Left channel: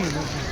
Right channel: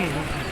うん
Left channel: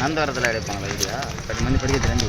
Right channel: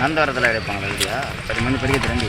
நந்தவரத்தில் எடுப்பாங்க இல்லையா பத்து மணி படிக்க திரண்டி.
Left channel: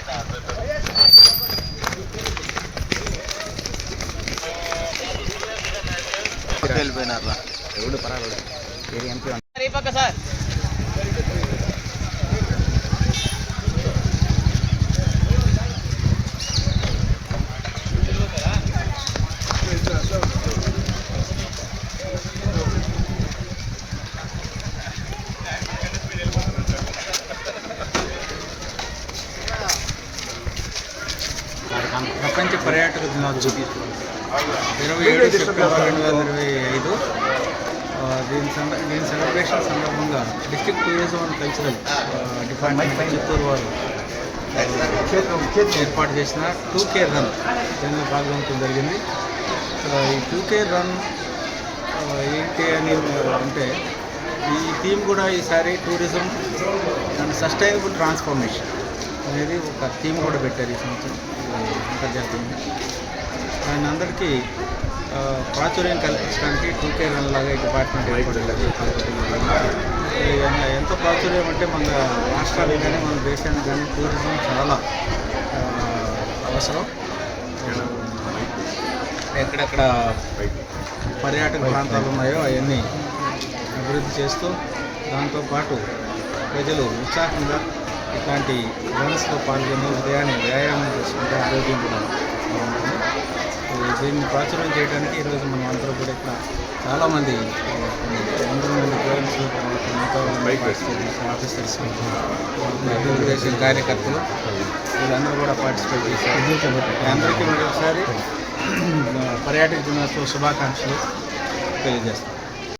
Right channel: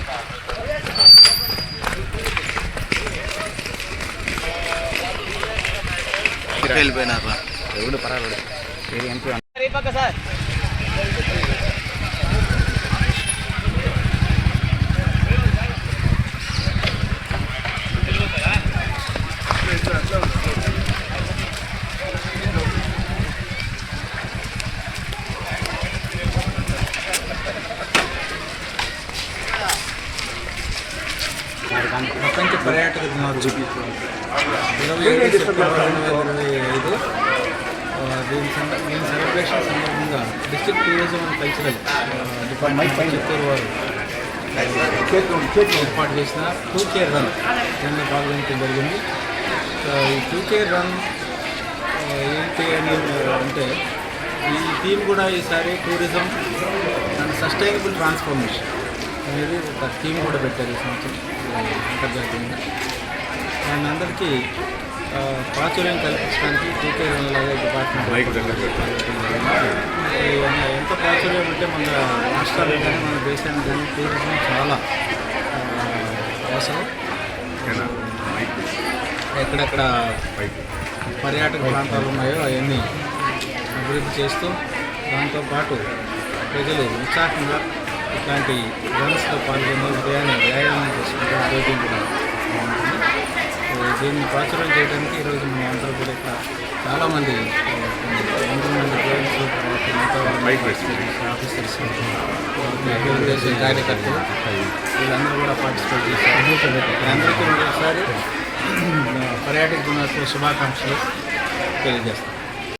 వెళ్ళిపోయినారా పర్యాటక దినోత్సవం. ఇరవై ఏడు సెప్టెంబర్ రెండు వేల ఇరవై ఐదు దీని సంద దీని సెలబ్రేషన్ సందర్భంగా district tourism and cultural department Chittoor వారు ఏర్పాటు చేసిన టూ కేర్ రన్ దీనిలో పాల్గొనడం జరిగింది. ఈ టూ కేర్ రన్ ఏంటి అని అంటే ఈ థీమ్ కూడా ఈసారి టూరిజం అండ్ సస్టైనబుల్ ట్రాన్స్ఫర్మేషన్. అనేది ఒక థీమ్ కూడా పెట్టారు ఈ సంవత్సరం అంతర్జాతీయంగా. దాన్ని అందరికీ ప్రాచుర్యం కల్పించడానికి టీకే రన్ లాగా డిపార్ట్మెంట్ ఎంత ప్రాచుర్యం అంటే మన రాష్ట్రానికి కానీ మన దేశానికి కానీ టూరిజం చాలా అవసరం. ఎక్కడెక్కడ పర్యాటక ప్రాంతాలు ఉన్నాయో అవన్నీ అభివృద్ధి చేస్తూ దాంతోపాటు ప్రజలు ఉత్సాహంగా ఇట్లాంటి రన్స్లో పాల్గొని ఉదయాన్నే వ్యాయామం చేసుకుంటే ఆరోగ్యం కూడా బాగుంటుంది. దీన్ని ప్రాచుర్యం చేయడానికి ఈరోజు మనం అందరూ కూడా ఇక్కడ చాలామంది వందల మంది గర్ల్స్ తర్వాత మిగతా పార్టిసిపేట్ ఆఫీసర్స్ అభివృద్ధి కార్యకర్తలు వీళ్ళందరూ కూడా పార్టిసిపేట్ చేశారు అందరికీ మరొకసారి పర్యాటక దినోత్సవ శుభాకాంక్షలు తెలియజేస్తాం